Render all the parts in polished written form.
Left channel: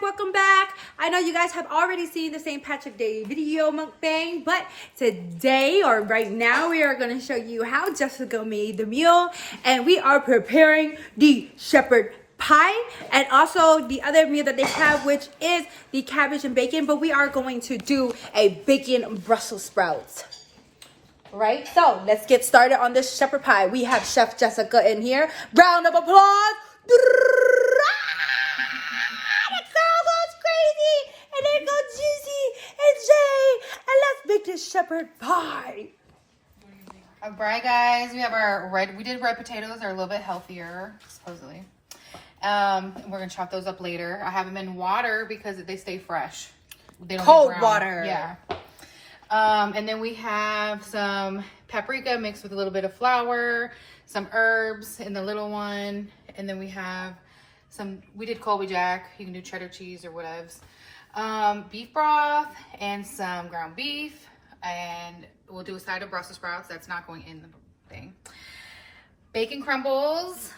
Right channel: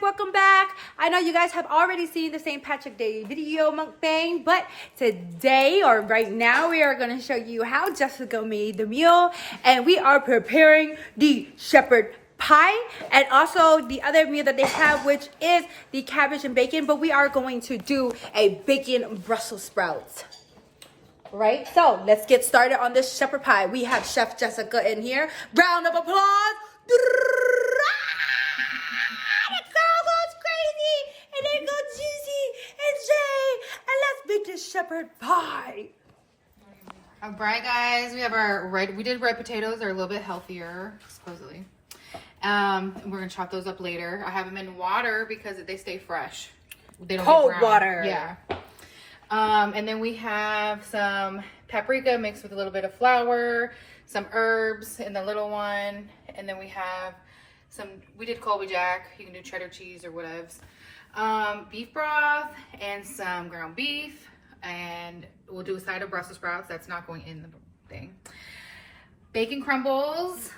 welcome back. I know you guys have already seen the St. Patrick Day video mukbang, but today or right now we are going to show you how Jessica made the meal, and we are preparing the shepherd pie and also the other meal that they have, which is the cabbage and bacon, but we are going to do a bacon Brussels sprouts. Right, so let's get started on this shepherd pie. We have Chef Jessica in here. Round of applause. That girl goes crazy. And then go Juicy and Jay. And let's make this shepherd pie. All right, guys, we have we did red potatoes. They're a little bit healthier, supposedly. We're gonna chop those up later. I have them in water because they stay fresh. They don't Cold water. Yeah. And then we have some paprika mixed with a little bit of flour, some herbs in the little one, and then we have we did Colby Jack. You can do cheddar cheese or whatevs. Beef broth and some ground beef, and we'll do a side of Brussels sprouts. That's not going in the thing. Bacon crumbles.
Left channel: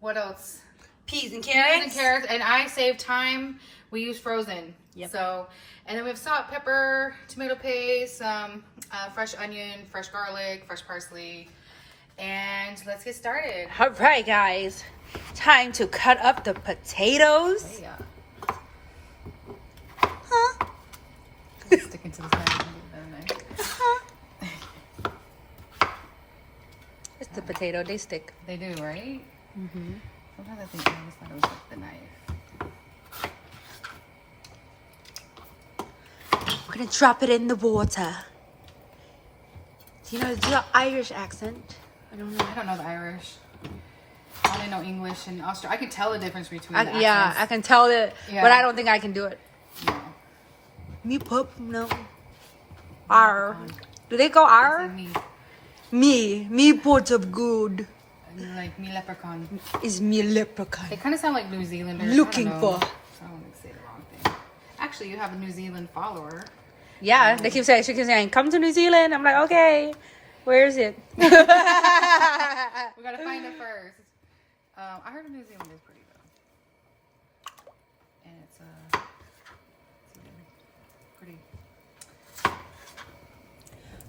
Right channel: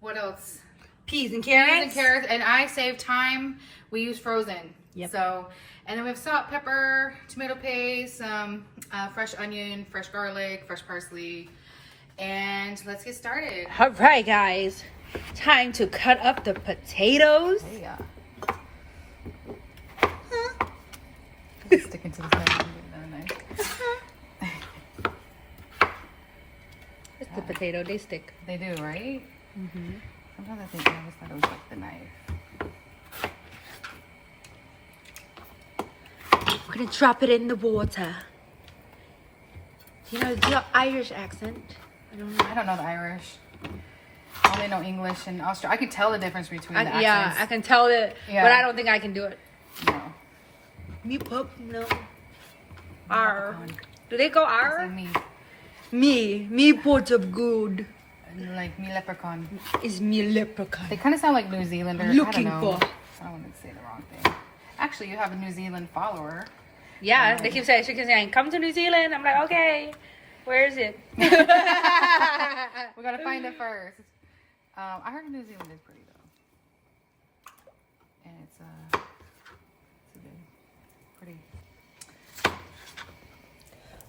What else? Peas and carrots. And I save time. We use frozen. Yep. So, and then we have salt, pepper, tomato paste, some fresh onion, fresh garlic, fresh parsley, and let's get started. All right, guys. Time to cut up the potatoes. Yeah. Huh? Sticking to the side. It's the potato. They stick. They do, right? Mm-hmm. Sometimes I think I always thought it was like the knife. We're gonna drop it in the water. Do you know the Irish accent? I don't know the Irish. I only know English and Austrian. I can tell the difference between the accents. Yeah, I can tell it, but I don't think I can do it. No. Me pup, no. R. Do they go R? Me part of good. Like me leprechaun. Is me leprechaun. They kind of sound like New Zealanders. Looking for. I don't want to say the wrong thing. Actually, you have a New Zealand follower. Yeah, she keeps saying, come to New Zealand. I'm like, okay, where is it? We gotta find it first. I heard New Zealand is pretty good. And it's pretty.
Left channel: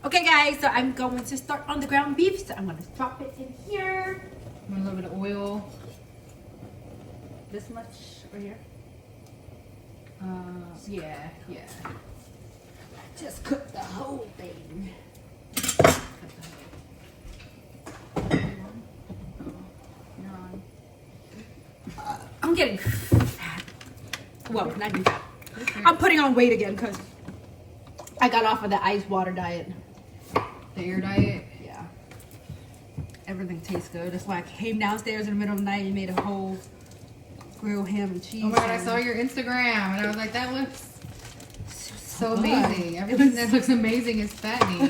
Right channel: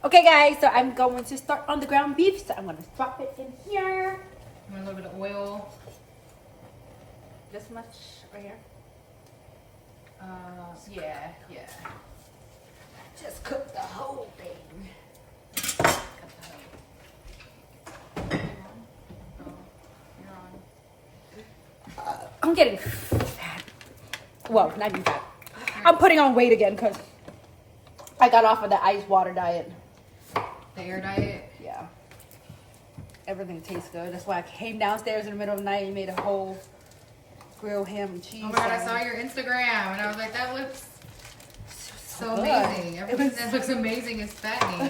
Okay, guys, so I'm going to start on the ground beef. So I'm going to drop it in here. A little bit of oil. This much right here. Yeah. Just cook the whole thing. You're on. I'm getting fat. Well, not too fat. I'm putting on weight again because I got off of the ice water diet. The air diet? Yeah. Everything tastes good. That's why I came downstairs in the middle of the night and made a whole grilled ham and cheese. Oh my god, I saw your Instagram and I was like, that looks so good. amazing. Everything that looks amazing is fattening. You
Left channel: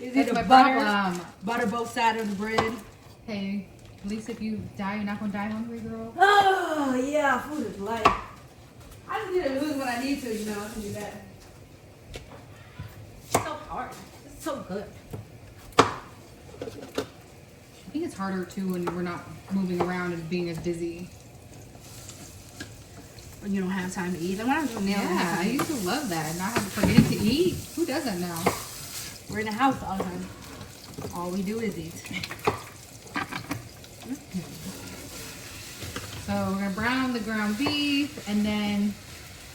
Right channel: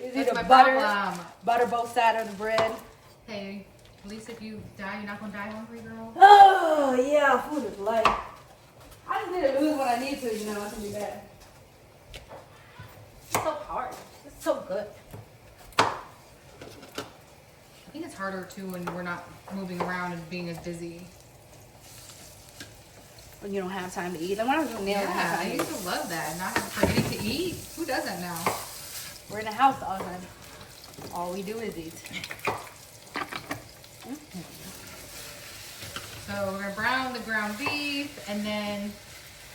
see That's the my butter, problem. butter both sides of the bread. Hey, at least if you die, you're not gonna die hungry, girl. Oh yeah, food is life. I just need to lose what I need to, you know, to be better. It's so hard. It's so good. I think it's harder too when we're not moving around and being as busy. When you don't have time to eat. I want to nail Yeah, I used to love that. Not having time to eat. Who doesn't now? We're in the house all the time. All we do is eat. So we're gonna brown the ground beef, and then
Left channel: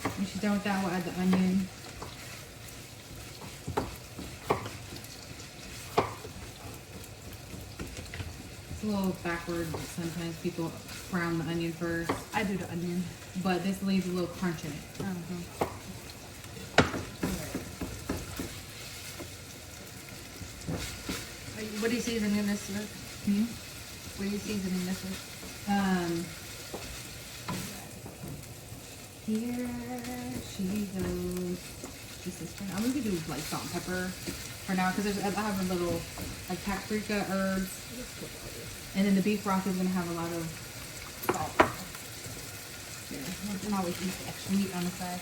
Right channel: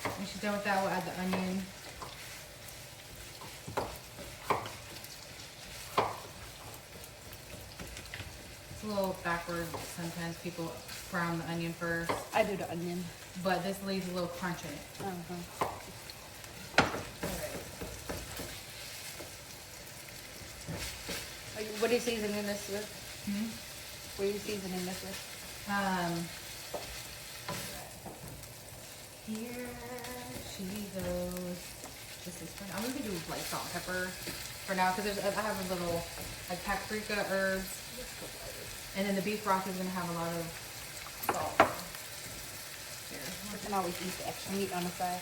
when she's done with that, we'll add the onion. It's a little backwards. Sometimes people brown the onion first, I do the onion. but this leaves a little crunch in it. What are you seasoning this with? Hmm? What are you seasoning this with? Here she goes. This is fun. I'm gonna do like salt and pepper for now because I have a little like paprika, herbs, and then the beef broth is gonna have a lot of salt. Here, you can always eat the extra meat on the side.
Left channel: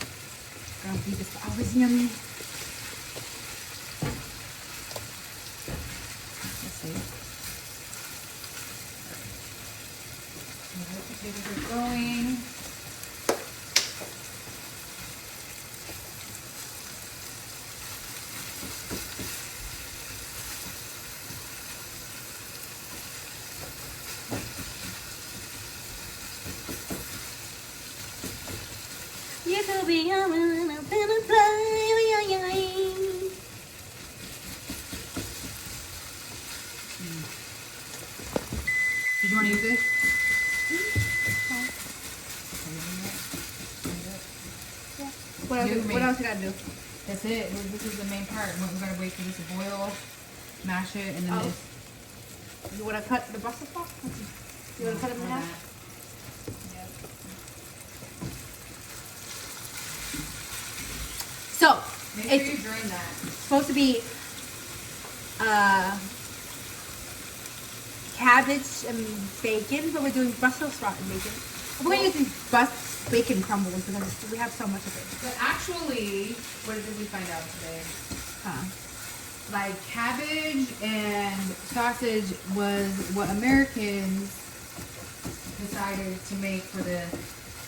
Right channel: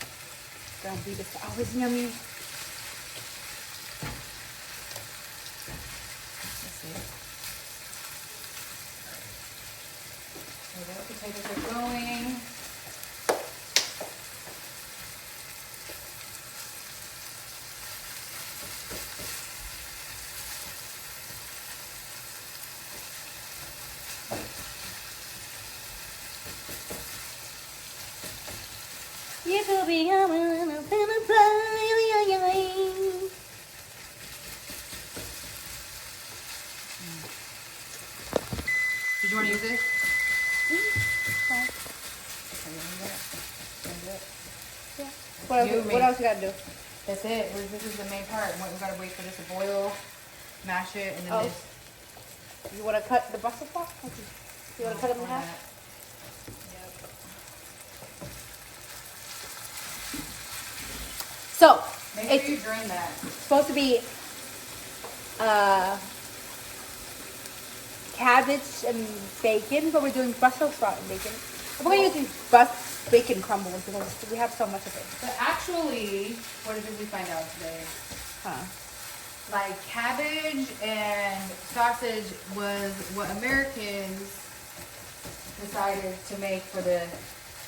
Ground beef is always yummy. Let's see. Potatoes are going. be a butterfly. Did you want to use this? What else you gotta do? That's it. This is the main part. We gotta wait for this to boil, mash it, and then this. You wanna cut the Brussels sprouts? You wanna cut them in half? Yep. So, Make sure you drain that. it's supposed to be cabbage and bacon, but we're doing Brussels sprout and bacon. We're gonna use these bacon crumbles because we have so much of it. But actually, what did we find out today? Huh. Like cabbage and sausage was what Americans decided to make for the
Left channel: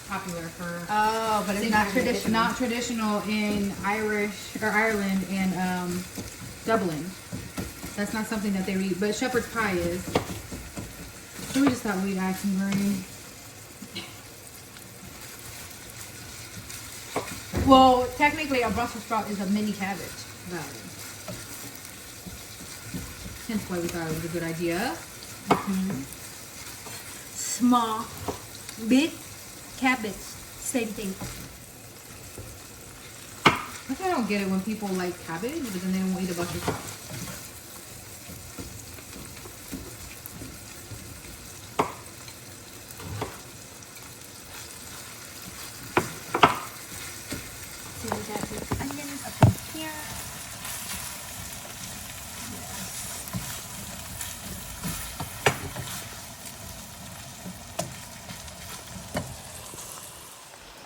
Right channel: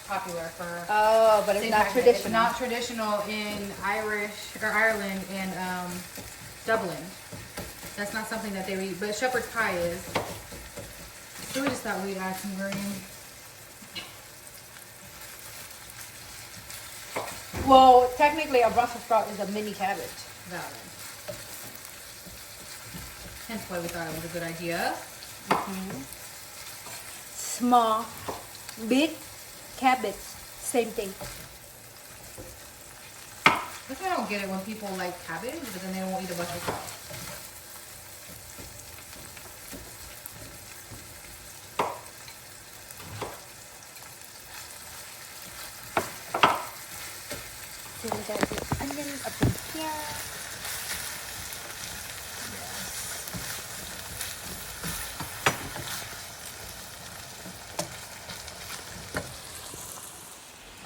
popular for. Oh, but it's not traditional. It's not traditional in Ireland and Dublin. That's not something that they eat, but shepherd's pie is. So we just thought we'd add some version. Well, technically, a Brussels sprout is a mini cabbage. Valid. Hence why we thought it was a good idea. Small, big cabbage, same thing. That's why I don't get it when people like cabbage, but then they won't eat a Brussels sprout.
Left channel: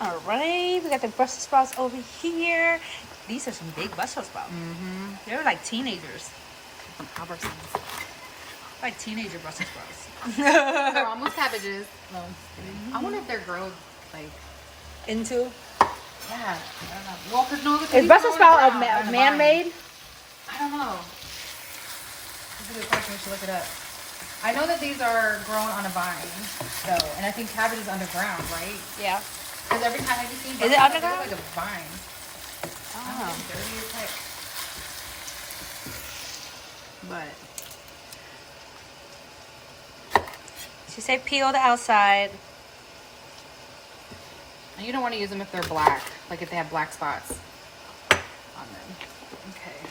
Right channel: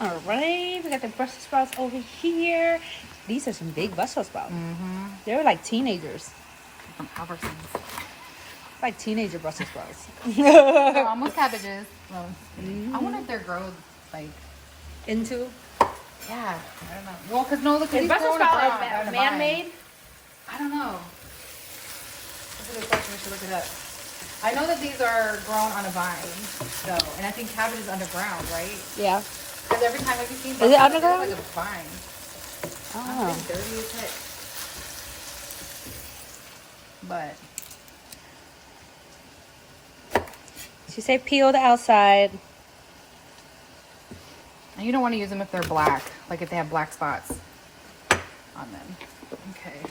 All right, we got the Brussels sprouts over here. These are some big Brussels sprouts. They're like teenagers. Like teenager Brussels sprouts. They're almost cabbages. I wonder if they're grown like Into? yeah. I don't know. Well, because no, Is Brussels sprout man-made? I don't know. That's a good question. We should look it up. I know that these are grown on a vine, so, and I think cabbage is underground, right? Yeah. Because every time I've seen Is it underground? like a vine. Oh. It's dirty as heck. But she said peel the outside. And you don't want to use them if they're black, like if they have black spots on them. Okay.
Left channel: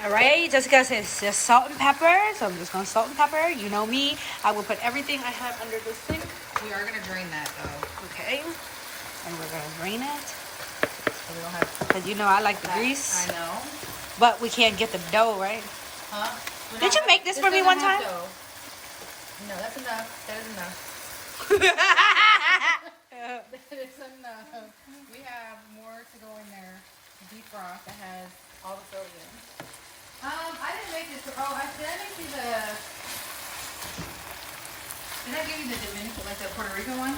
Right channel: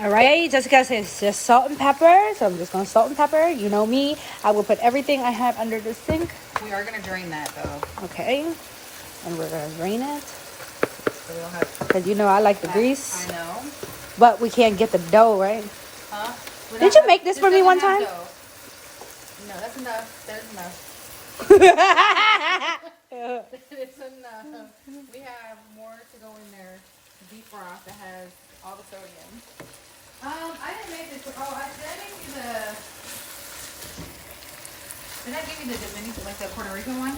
All right, Jessica says just salt and pepper, so I'm just gonna salt and pepper. You know me, I will put everything I have under the sink. We are going to drain that though. Okay, and we're gonna drain it So we don't have because you know I like the grease, I know. but we can't get the dough right. Huh? Did you make this for me one time? No, that's enough. There's enough. It's enough. We have more to go in there. Deep broth that has all the sodium. I didn't make this. Oh, did I make you the? Did I give you the Dominican, like the Puerto Rican one?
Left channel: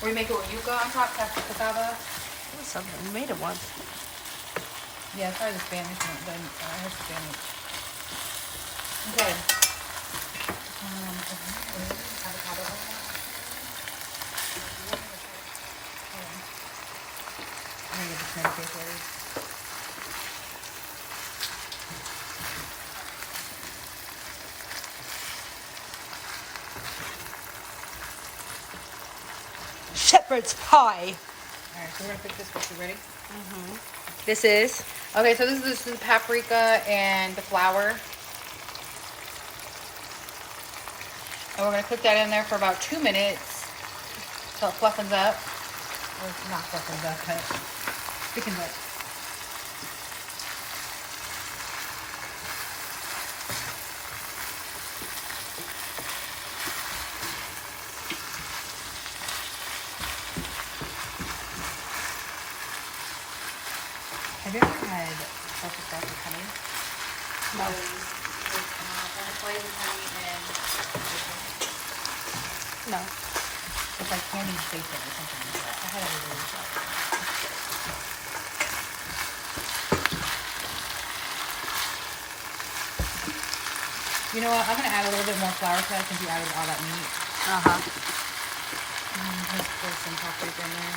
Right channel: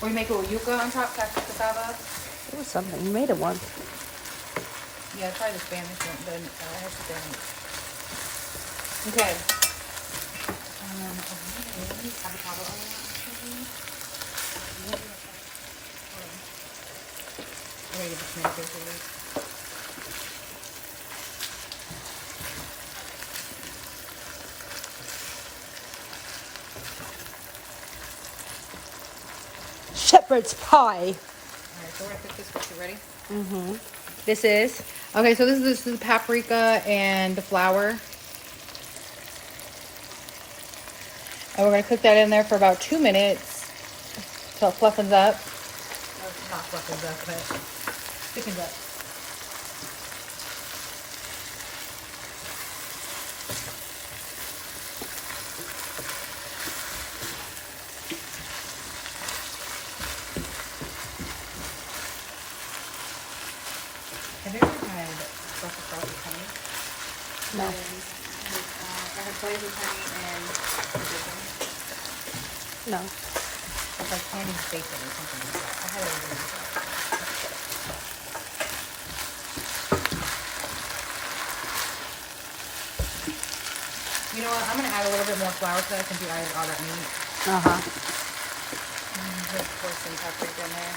Where we make it with yuca on top, cassava? It was something. We made it once. Yeah, it's probably the Spanish one, but it's the Spanish. Okay. I gotta get the tomato paste ready. Shepherd's pie. Alright, so we're gonna fix this first. You ready? This is. Okay, so this is the paprika and the flour. And we're gonna cook that in there for about 2 minutes till it fluffens up. Or not fluffens up, but thickens up. Have you ever tried Brussels sprouts with honey? No. It's flavored honey and No. it's like candy bacon or something like that. I had it over there. You know what? I'm gonna add a little bit more flour to that since you added all that meat. Just put some paprika in there.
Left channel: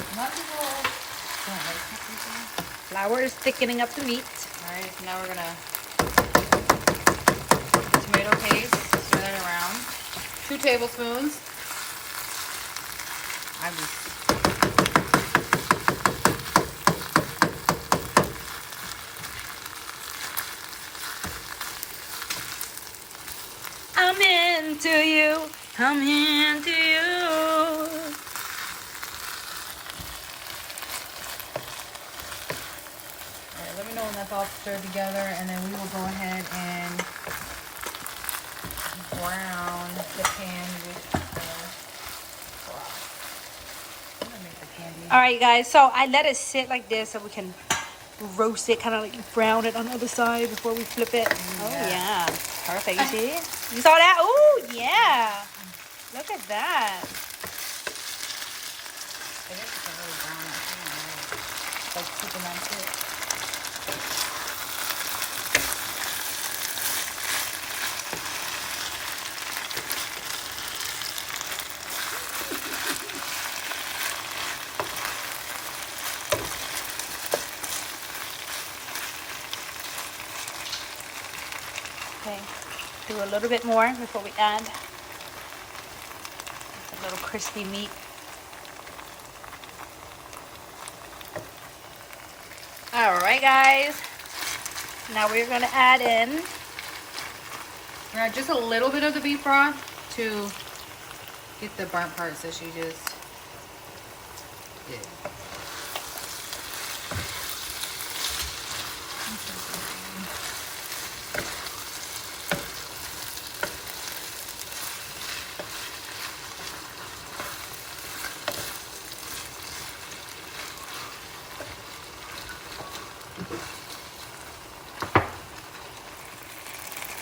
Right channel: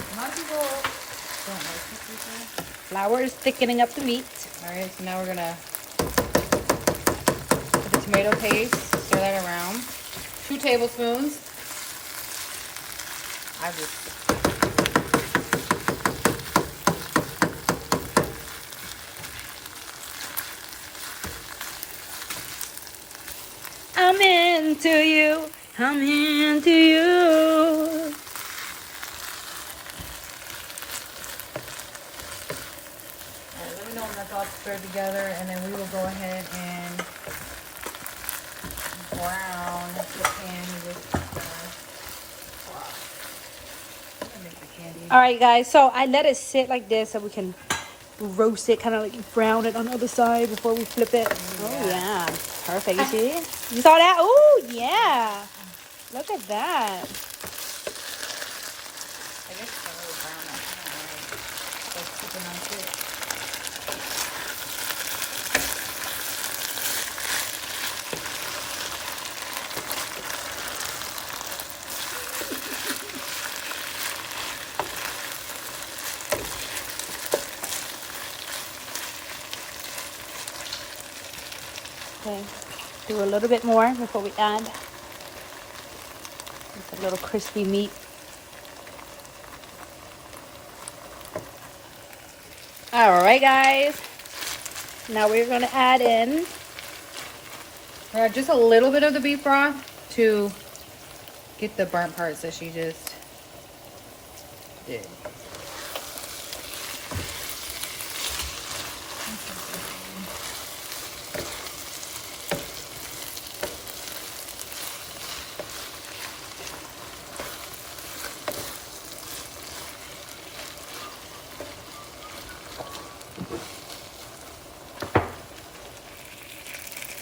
A lot of people don't like paprika. Flour is thickening up the meat. All right, so now we're gonna put the tomato paste, stir that around. 2 tablespoons. I just I'm into you. I'm into you. Alright, let me know when that's all stirred together, and then we will go ahead and brown the pan with All right, guys. So I let it sit like this so we can roast it, kind of like brown it on the other side before we flip it. Oh yeah, perfect. You see? You saw that? Oh yeah. Look at that. Okay, do a little bit more before we add. It's a little crispy meat. All right, guys. Now we're gonna add in. Add just a little bit of the beef broth to get the burnt parts that she just did.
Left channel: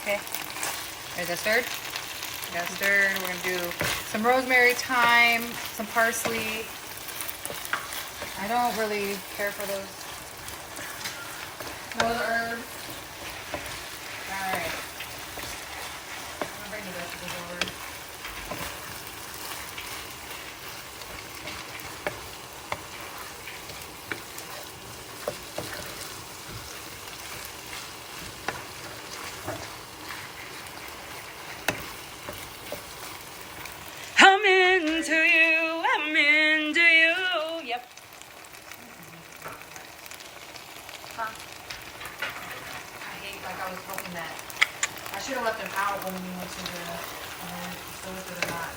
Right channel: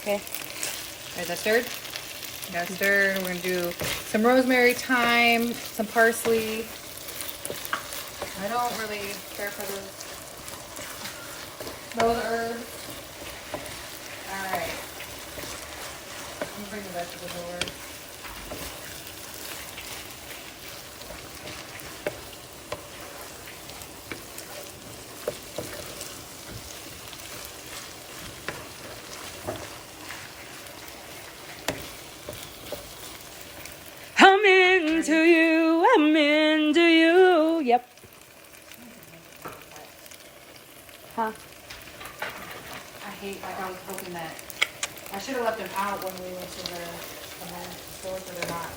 Okay. Okay, that's stirred. That's stirred. We're gonna do some rosemary, thyme, some parsley. I don't really care for this. Those herbs. Alright. I'm gonna bring the vegetables over. I'm into you. I'm into you. Yep. Huh? I hate like I was hoping that. I should have left them out when we went to the stores that are not.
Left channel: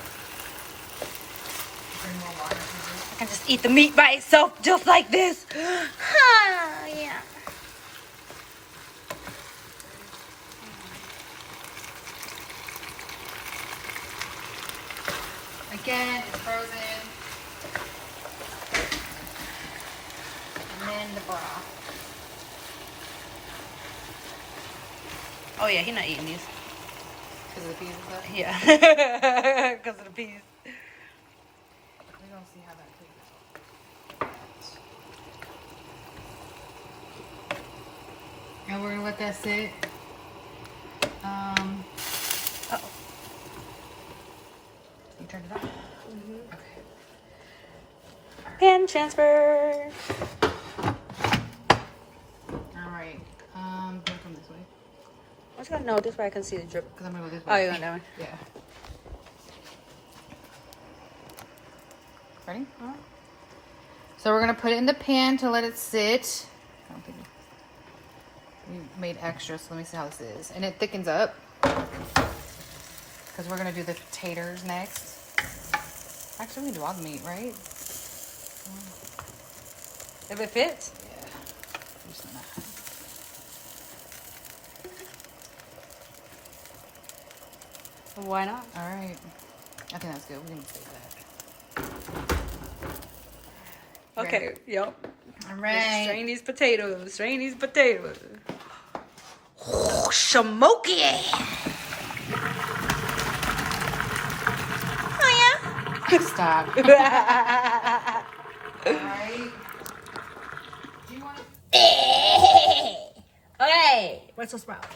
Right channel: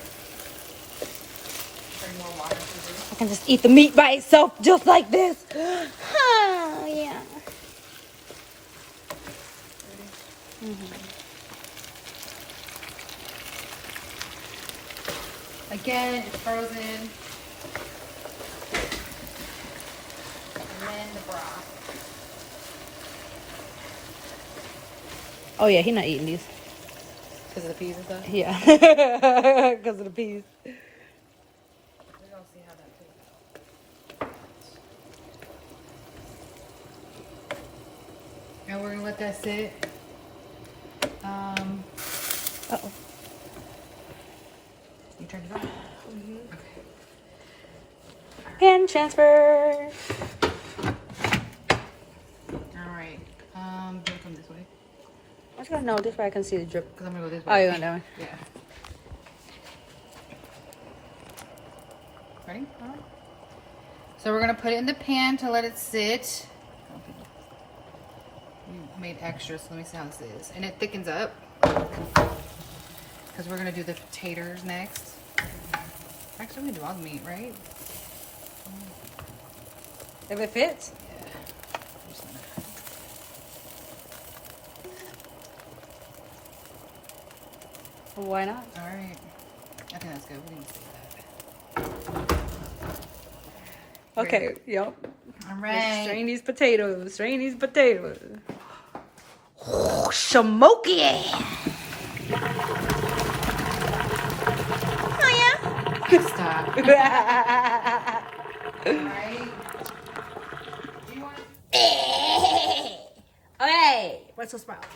Bring more water to this. I can just eat the meat by itself just like this. Oh, yeah. Again, it's frozen. And then the broth. Oh, yeah, he's not eating these. Because of the peas and stuff. Yeah. Because of the peas. We're gonna see how that tastes. And we're gonna let that sit. Uh-oh. You turned it on? Okay. Pan transfer. Alright. Do you come this way? Let's go. No, this way I can see the drip. Because I'm gonna go this Oh, way. you're going that way. Yeah. Ready? So we're gonna put it in the pan to let it sit. I don't think we made extra, so let me see how this is. And it thickens up. Because we're gonna do the taters next. Actually, we can do all the meat, right? If it fits. Yeah. Just gonna- Why not? All right. I think that's good. We're gonna save that. Okay, Ready? yep. All Let's right. strain these potatoes. Strain these potatoes. Smoky. Oh, yeah. Stop. All right. Do you want to? Okay. Brussel Sprouts.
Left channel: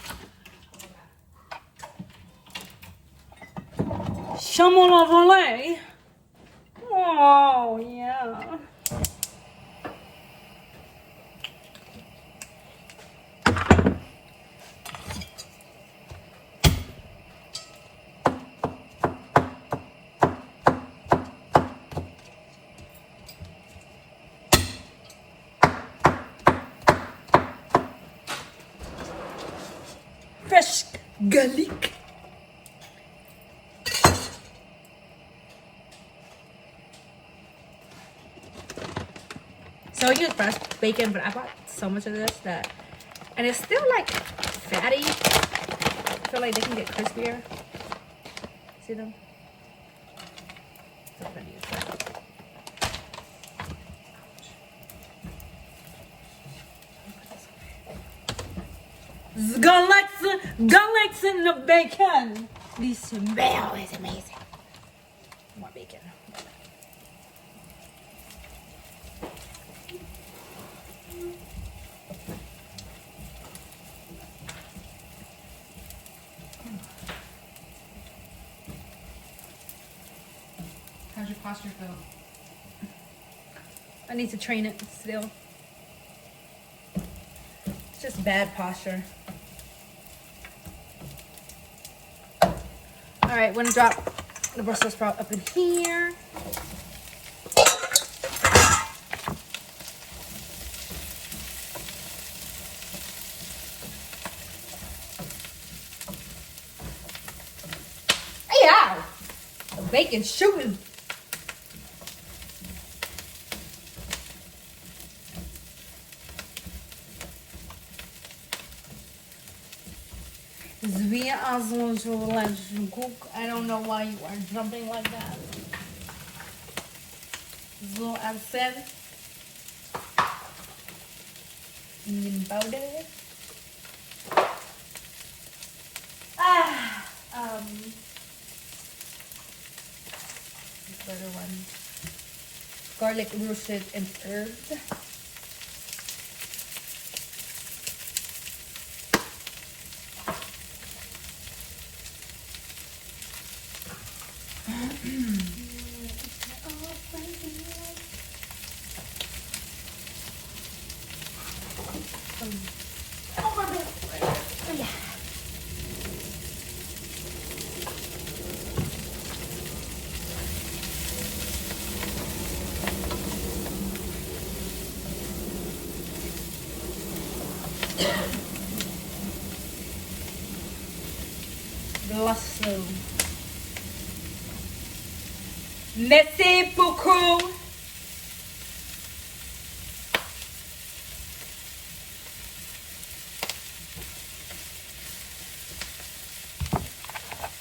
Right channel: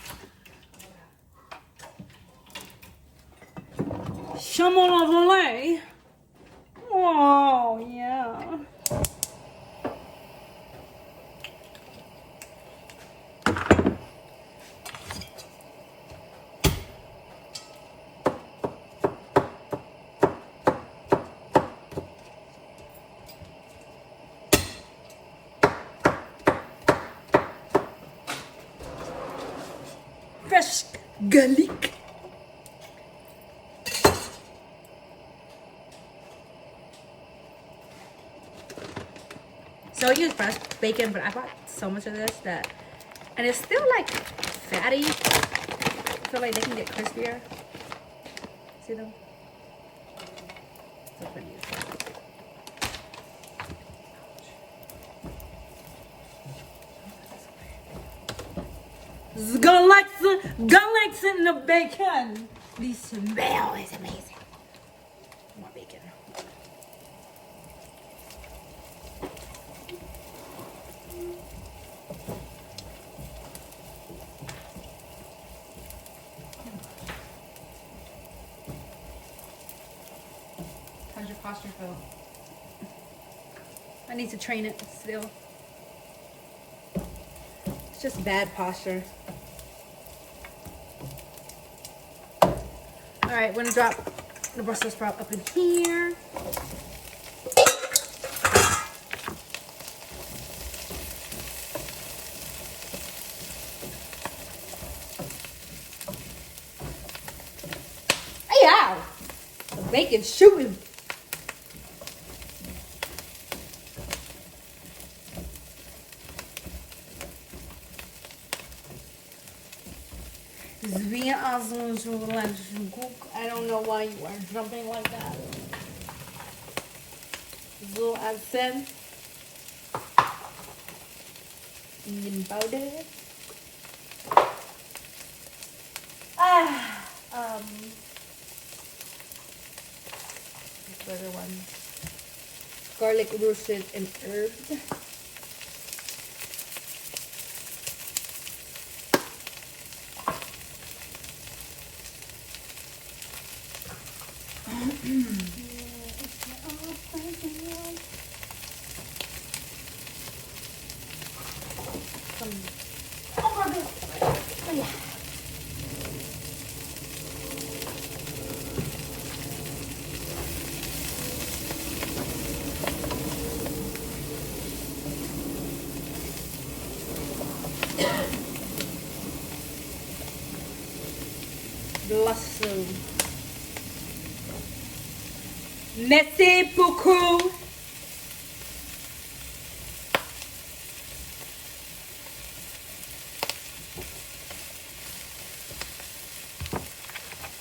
Salmon au volet. Oh, yeah. Fresh garlic. So I use fresh bacon, but I bought so much of this that, and it's still like fatty. I feel like they can get crispier. See them? So I'm gonna use that. Garlics in the bacon. The smell is amazing. More bacon. How's your posture feel? I need to train it still. It's just bad posture. All right, we're gonna drop the Brussels sprout up in here. Yeah, the bacon's shooting. I don't know why you are jumping like that. So I said, powder. Better one. Garlic roasted and herbs. Lasso. Merci beaucoup.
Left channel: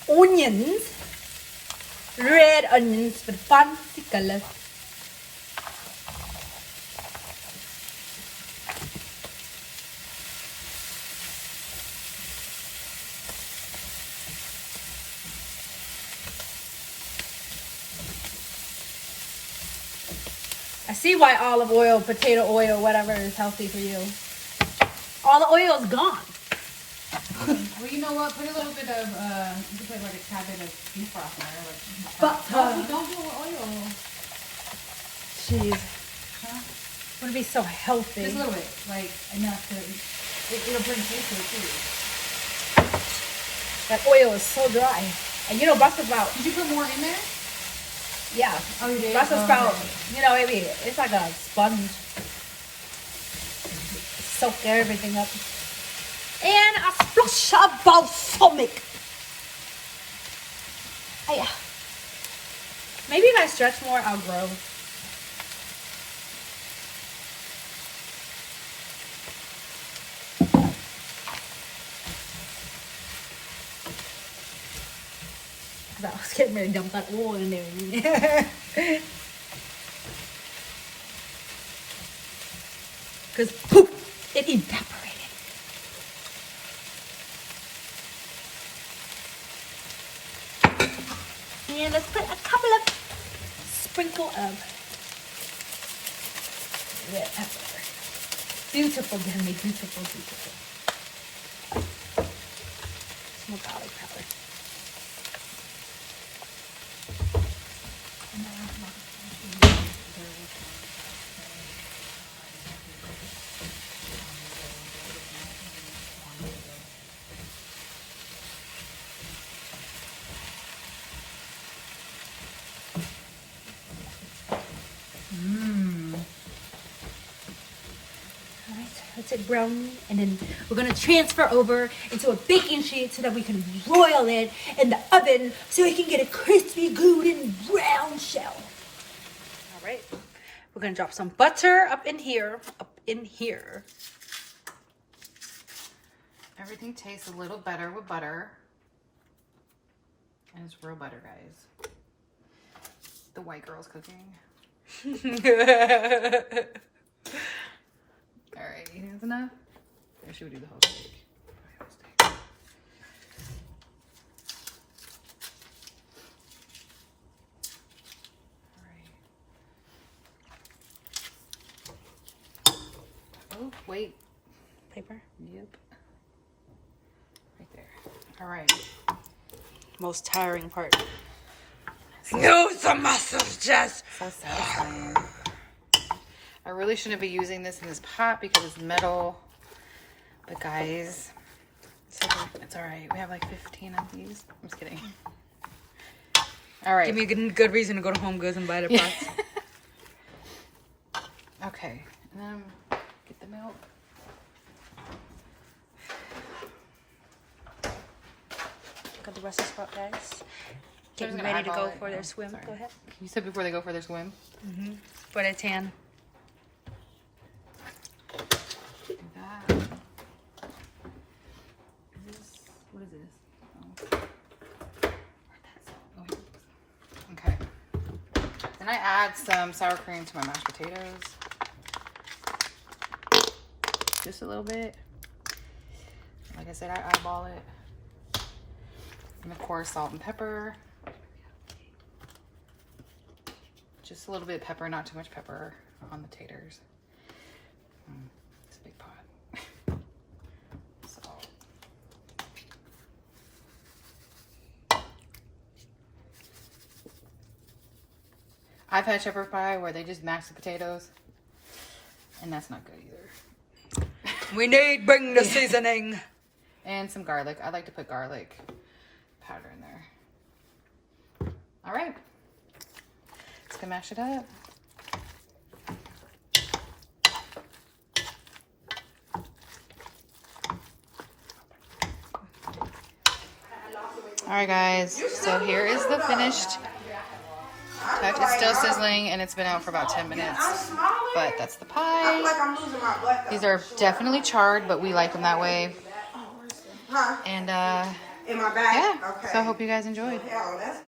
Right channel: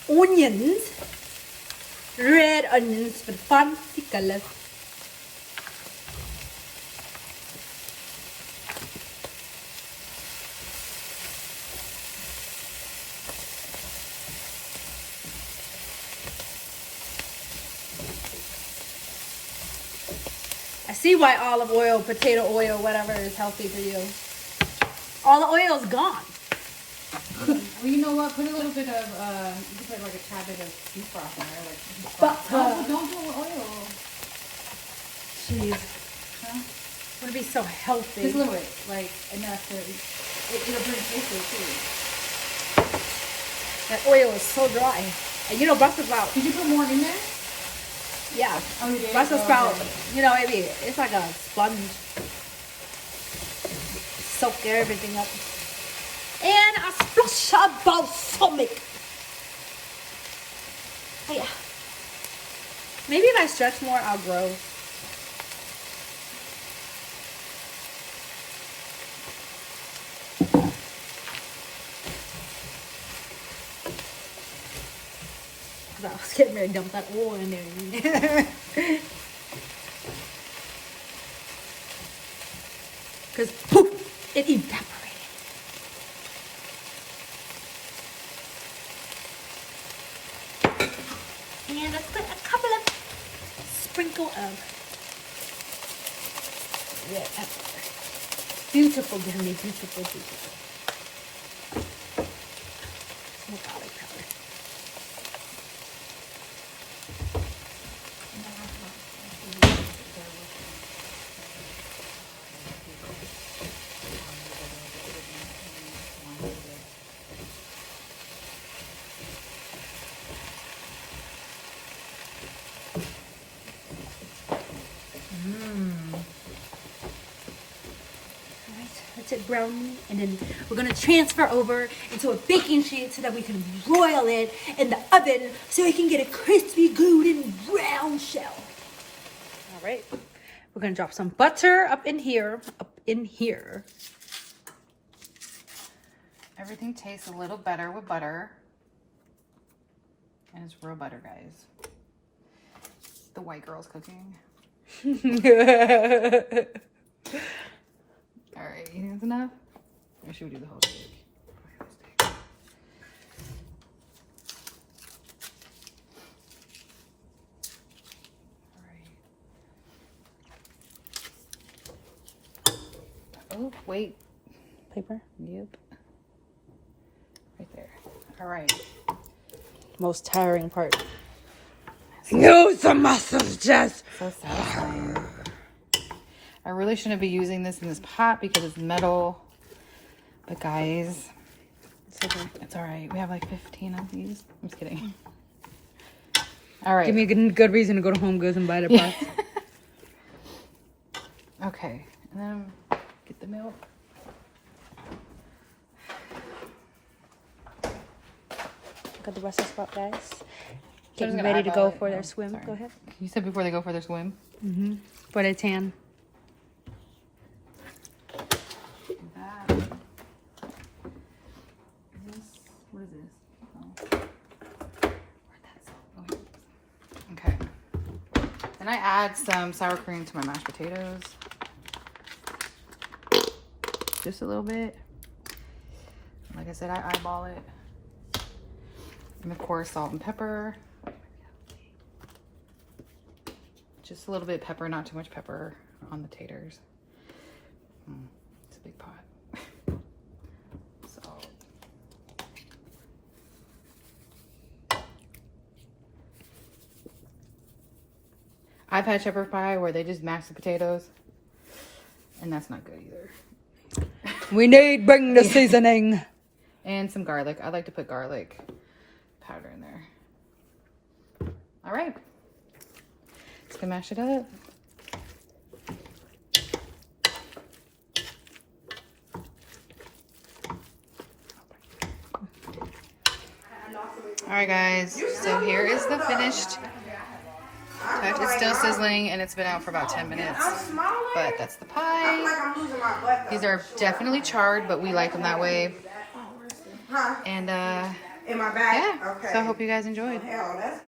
Onions. Red onions with fancy color. I see why olive oil, potato oil, whatever is healthy for you. All the oil is gone. Well, you know what? Put a little bit of, you can put like a tad bit of beef broth in there. Like, But don't do oil. Jeez. Huh? I want to be so healthy. Just a little bit, like enough to, it'll burn tasty too. That oil is so dry. And you know, Brussels sprouts. Did you put more in there? Yeah. Oh, you did? Brussels Oh, sprouts. okay. You know, it's like a sponge. Soak everything up. And a splash of balsamic. Oh, yeah. Maybe if I stretch more, I'll grow. I was getting ready to dump that oil in there. Because poof, it evaporated. And let's put a couple of sprinkle of red pepper. Beautiful, Jenny, beautiful, beautiful. Some garlic pepper. frosted brownie, and then we're gonna transfer over into a baking sheet so that we can broil it in the oven so we can get a crispy, golden brown shell. All right, we're gonna drop some butter up in here, Everything tastes a little better with butter. And it's real butter, guys. The white girl's cooking. All right, you think that's enough? Or should we do the whole steak? Oh, wait. Paper. Yep. Right there. All right. Most tiring part. Use the muscles, Jess. So satisfying. I really shouldn't be using this in this pot because it's metal. But guys, it's okay. It's all right. We have like 15 of these. I'm just kidding. All right. Give me a good reason to go to Home Goods and buy the pots. Okay. And then get the milk. Got the Brussel Sprout guys. I'm Getting gonna ready to eyeball go it. for their Oh, swim. sorry. Go ahead. You said before they go for their swim. For their tan. Do that. What is this? Oh. Where'd that go? Oh, here it is. Okay. And I add some sour cream to my mashed potatoes. Just a little bit. Like I said, I eyeball it. And of course, salt and pepper. Just a little bit of pepper, not too much pepper on the taters. It's a big pot. Salt. I've had shepherd pie where they just mash the potatoes, and that's not good either. We need bring the seasoning. And some garlic. I like to put garlic powder in there. All right. Let's go mash it up. All right, guys. So here is the finished touch. It's still sizzling, and it's been out for about 10 minutes. But that's the pie. These are definitely charred, but we like them that way. And yeah, so I hope you guys enjoyed.